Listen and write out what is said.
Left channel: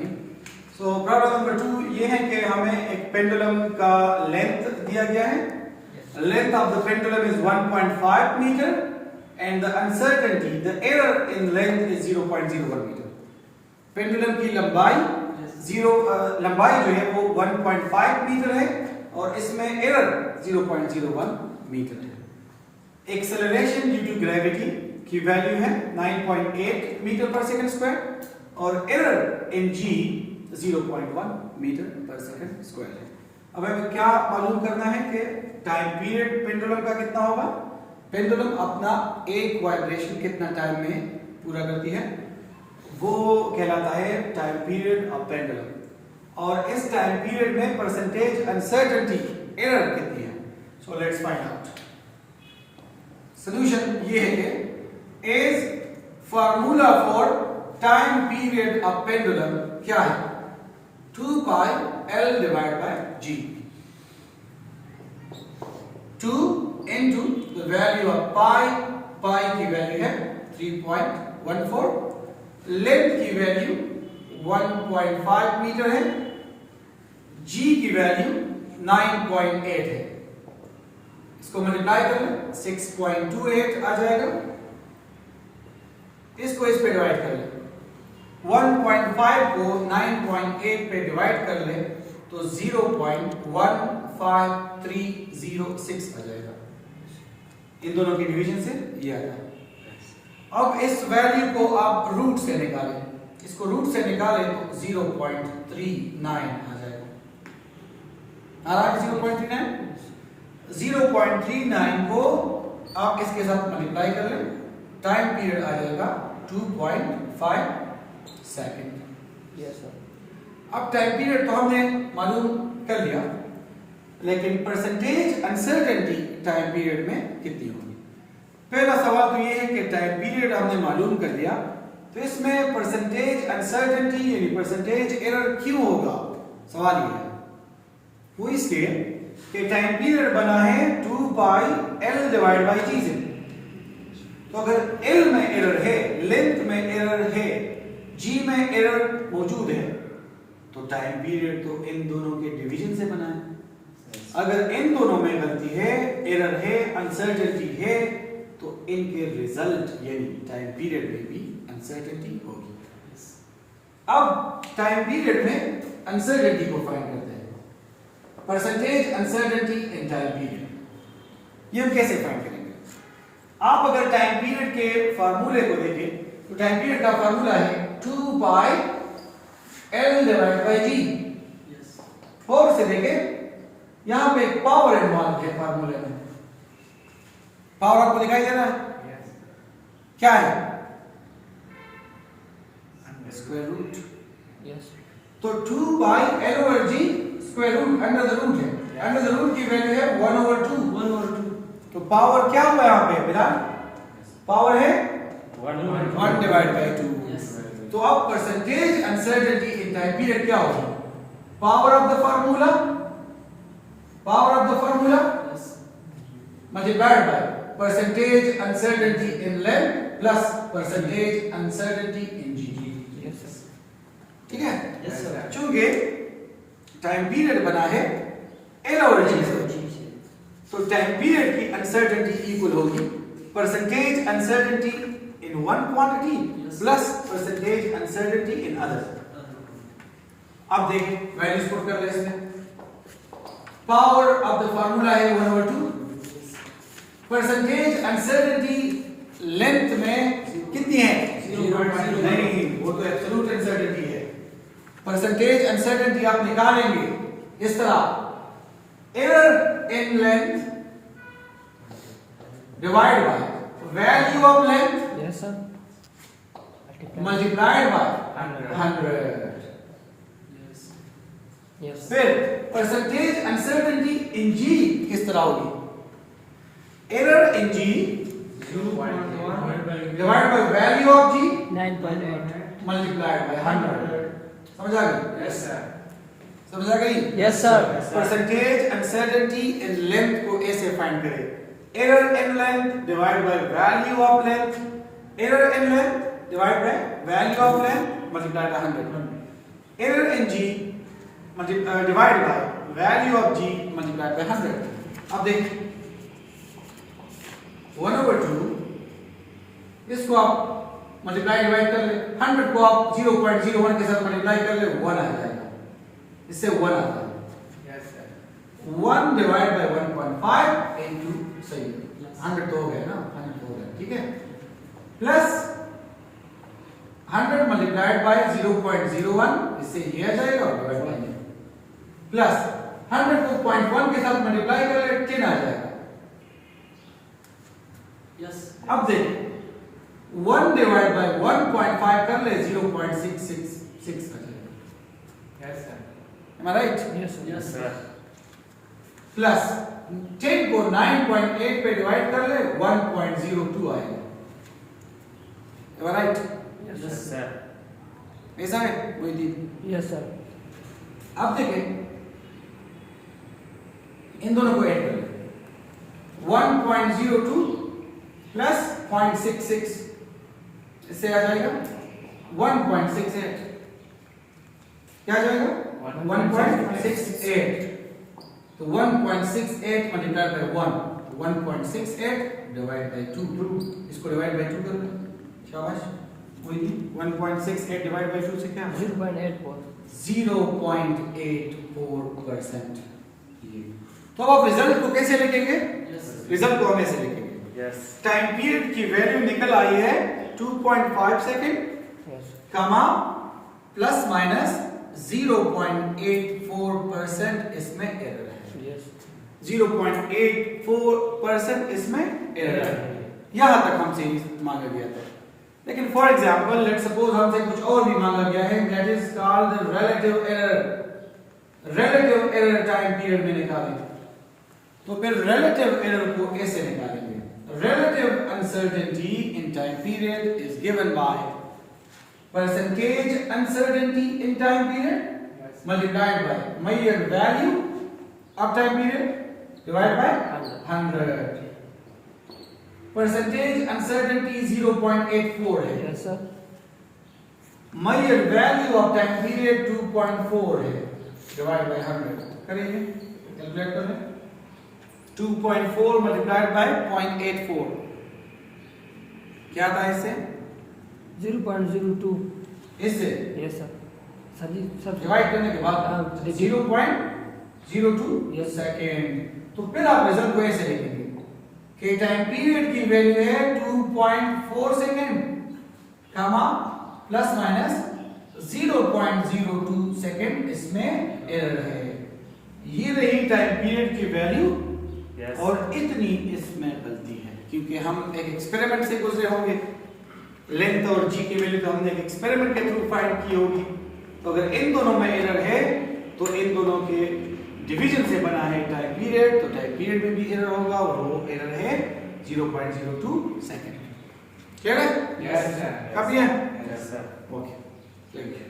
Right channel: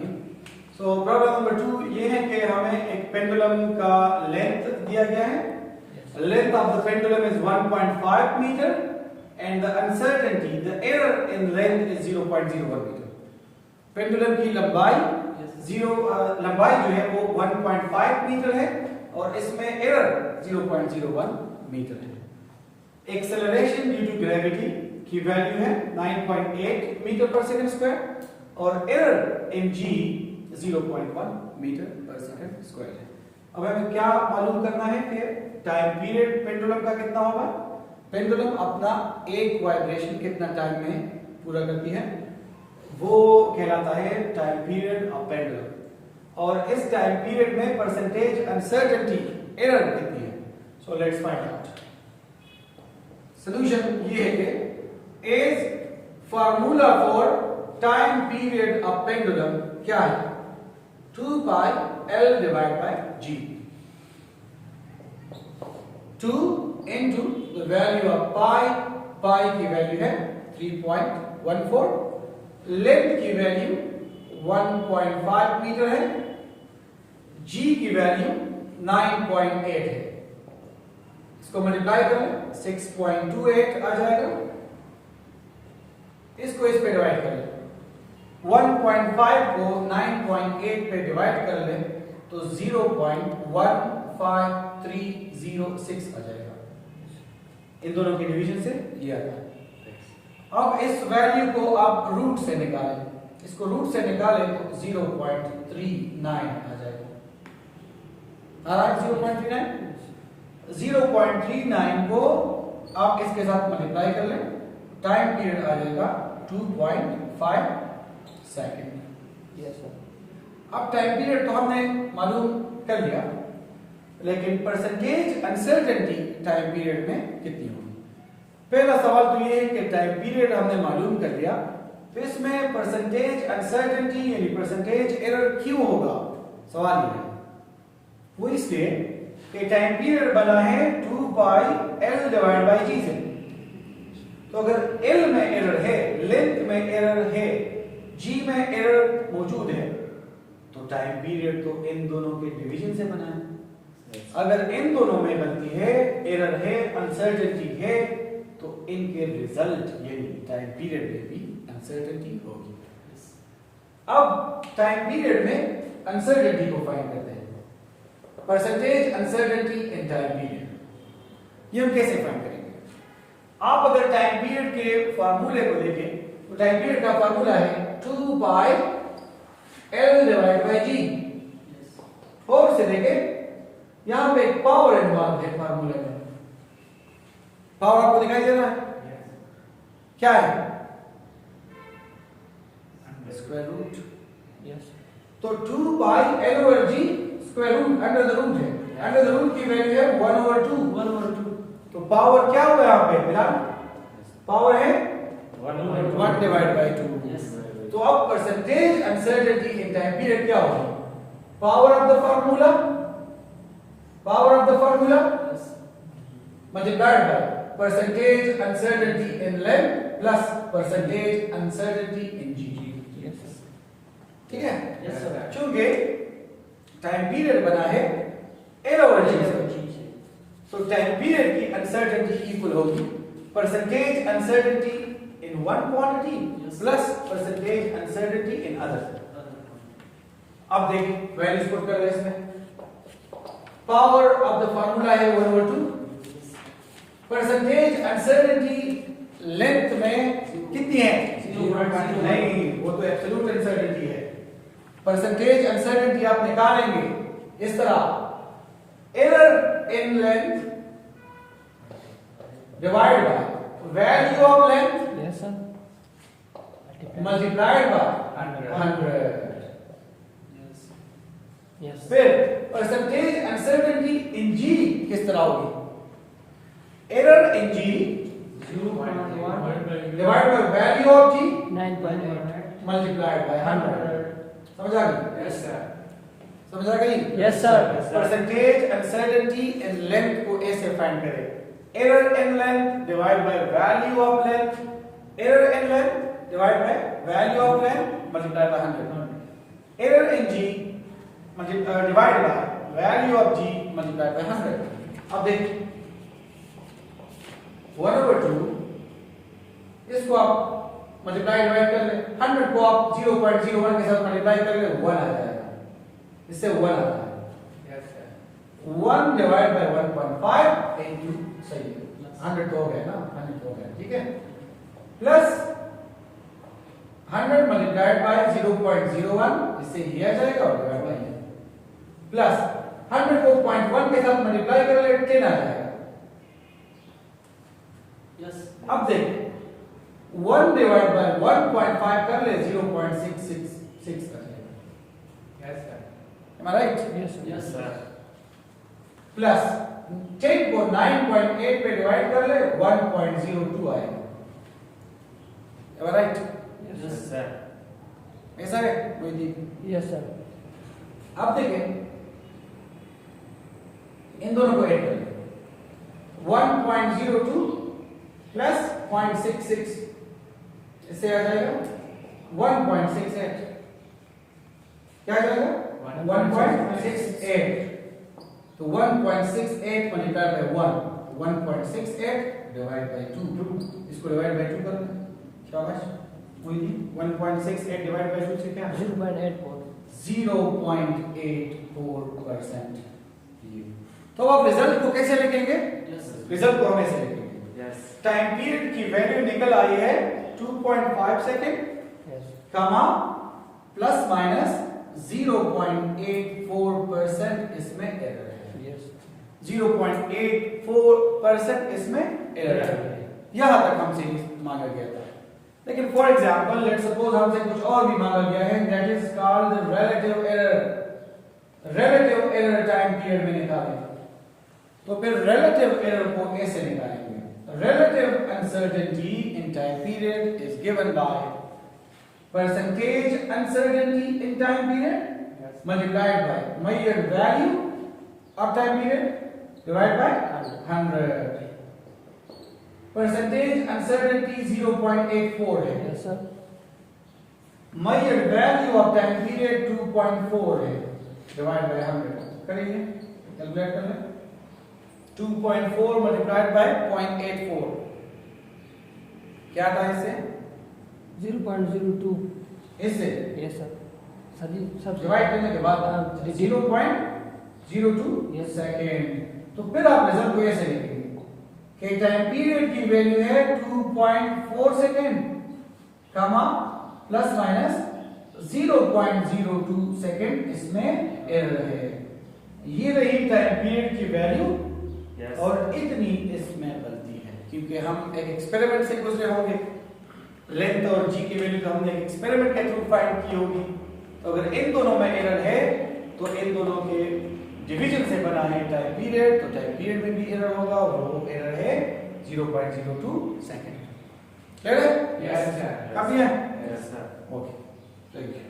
करेंगे। So problem number 2 ये है कि हमें एक पेंडुलम का लेंथ दिया गया है। Length of the pendulum is 1.5 metre and the uncertainty the error in length is 0.01 metre. Pendulum की लंबाई लंबाई जो है वो 1.5 मीटर है और इसमें एरर 0.01 मीटर है। एक्सेलरेशन ड्यू टू ग्रेविटी की वैल्यू है 9.8 मीटर पर सेकंड स्क्वायर और एरर इन जी 0.1 मीटर पर सेकंड स्क्वायर है। अब हमें क्या मालूम करना है कि टाइम पीरियड पेंडुलम का कितना होगा। पेंडुलम अपना एक वाइब्रेशन कितना टाइम में पूरा करती है, वो कहलाता है टाइम पीरियड ऑफ पेंडुलम। और इस टाइम पीरियड में परसेंटेज अनसर्टेनिटी एरर कितनी है। So let's find out. Solution ये है कि as formula for time period of pendulum क्या है, 2 pi L divide by G। 2 into the value of pi की वैल्यू है 3.14, लेंथ की वैल्यू 1.5 मीटर है, G की वैल्यू 9.8 है। इसको मल्टीप्लाई कर लें 6.28 आ जाएगा। इसको इस पे डिवाइड कर लें, 1.5 को 9.8 पे डिवाइड कर लें तो 0.15306 आ जाएगा। इन दोनों के डिवीजन से ये आता है। अब इस वैल्यू को आप रूट से निकालें, इसको रूट से निकालें तो 0.39 आ जाएगा। आ रहा है 0.39 को आप इसके साथ मल्टीप्लाई कर लें, टाइम पीरियड आ जाएगा 2.5 सेकेंड। Yes sir. अब टाइम पीरियड तो हमने मालूम कर लिया, लेकिन परसेंटेज अनसर्टेनिटी टाइम पीरियड में कितनी होगी। पहला सवाल तो ये है कि टाइम पीरियड हमने मालूम कर लिया, तो इसमें परसेंटेज अनसर्टेनिटी यानी परसेंटेज एरर क्यों होगा। सवाल ये है वो इसलिए कि टाइम पीरियड बना है 2 pi L divide by G से। तो अगर L में एरर है, लेंथ में एरर है, G में एरर मौजूद है, तो टाइम पीरियड तो इन दोनों के डिवीजन से बना है। अगर इन दोनों में गलती है, एरर है, अनसर्टेनिटी है, तो इनके रिजल्ट यानी टाइम पीरियड में भी अनसर्टेनिटी होगी। अब टाइम पीरियड में अनसर्टेनिटी को फाइंड करते हैं, percentage uncertainty in time period. ये हम कैसे फाइंड करेंगे। आप अगर टाइम पीरियड के फार्मूले को देखें तो टाइम पीरियड का फार्मूला है 2 pi L divide by G। और से देखें यहां पे एक पावर इन्वॉल्व है फार्मूले में। पावर आपको दिखाई दे रहा है, क्या है, स्क्वायर रूट। यस। तो 2 pi L over G square root under the root है, अंडर द रूट की वैल्यू है 1/2। तो पावर क्या हुआ यहां पे बिलाल, पावर है 1 डिवाइड बाय 2। तो अब percentage uncertainty in time period क्या होगा, power of the formula multiplied by percentage uncertainty in length plus percentage uncertainty in G। ठीक है। Yes sir. चूंकि टाइम पीरियड बना है L और G से, तो टाइम पीरियड की अनसर्टेनिटी इक्वल होगी percentage uncertainty in one quantity plus percentage uncertainty in other. अब देखें वैल्यूज पुट कर ले इसमें। पावर ऑफ द फार्मूला है 1/2। परसेंटेज अनसर्टेनिटी लेंथ में कितनी है, 0.0। नहीं, वो तो एब्सोल्यूट अनसर्टेनिटी है। परसेंटेज अनसर्टेनिटी आप निकालेंगे इस तरह, error in length divide by value of length yes sir multiplied by 100। Yes. फिर परसेंटेज अनसर्टेनिटी इन G किस तरह होगी, error in G divide by value of G 9.8 multiplied by 100। समझ आ गई। Yes sir. समझ आ गई। Yes sir. Percentage uncertainty in length को ऐसे फाइंड करें, error in length divide by value of length, error in length divide by value of length multiplied by 100। error in G divided by value of G multiplied by 100। अब देख 1/2 इसको आप multiply divide कर ले, 100 को आप 0.01 के साथ मल्टीप्लाई कर ले 1 आ जाएगा, इससे 1 आता है। 1 डिवाइड बाय 1.5 इनटू सही 100 तो हो गया ना, 100 तो हो गया, ठीक है, प्लस 100 मल्टीप्लाइड बाय 0.01 इससे ये आ जाएगा और डिवाइड बाय प्लस 100 को 0.1 के साथ मल्टीप्लाई कर ले 10 आ जाएगा। यस अब देख 1 डिवाइड बाय 1.5 कर ले 0.666 आ जाएगा। Yes sir Am I right? Yes sir plus 10 को 9.8 पे डिवाइड कर ले 1.02 आएगा। Am I right? Yes sir ऐसा है वही। यस सर अब देखें इन दोनों को ऐड कर ले 1.02 प्लस 0.66 इससे आ जाएगा 1.68। क्या आ जाएगा 1.68। तो 1.68 मल्टीप्लाई बाय 1.68 डिवाइड बाय 2 इसको डिवाइड बाय 2 कर दो, शाबाश वही 1.68 डिवाइड बाय 2 से क्या 0.84 0.84%। ये तो अब आप रिजल्ट को कैसे लिखेंगे? रिजल्ट को हम ऐसे लिखेंगे, टाइम पीरियड की वैल्यू निकल आई है 2.5 सेकंड यस कमा प्लस माइनस 0.84% इसमें एरर है। यस 0.84% इसमें एरर है। यहां तक हमसे मांगा गया था, लेकिन फॉर एग्जांपल लेट सपोज हमसे कुछ और भी मांगा गया है, that is called the relative error. Relative error time period में निकालें तो फिर रिलेटिव एरर को कैसे निकालेंगे? Relative uncertainty in time period is given by percentage uncertainty in time period multiplied by measured value of time period divided by 100। percentage uncertainty 0.84 है, yes sir measured value of time period 2.4 है, divided by 100 करेंगे, calculate कर लें 2.4 multiplied by 0.84 क्या था इससे 0.02 इससे yes sir sir जी sir divide करने के बाद 0.02 Yes. सेकेंड। तो फिर आप रिजल्ट को ऐसे लिखेंगे कि टाइम पीरियड की वैल्यू है 2.4 सेकेंड कमा प्लस माइनस 0.02 सेकेंड इसमें एरर है। ये रही टाइम पीरियड की वैल्यू और इतनी इसमें गलती है, क्योंकि हम एक एक्सपेरिमेंट से गुजरे होंगे। लेंथ और जी की वैल्यू तो हमने एक एक्सपेरिमेंट के थ्रू फाइंड की होगी। तो अगर इन दोनों में एरर है तो इन दोनों के डिवीजन से बना है टाइम पीरियड, तो टाइम पीरियड में भी एरर होगा और वो एरर है 0.02 सेकंड। क्लियर है? यस सर काफी है? Yes sir okay, thank you.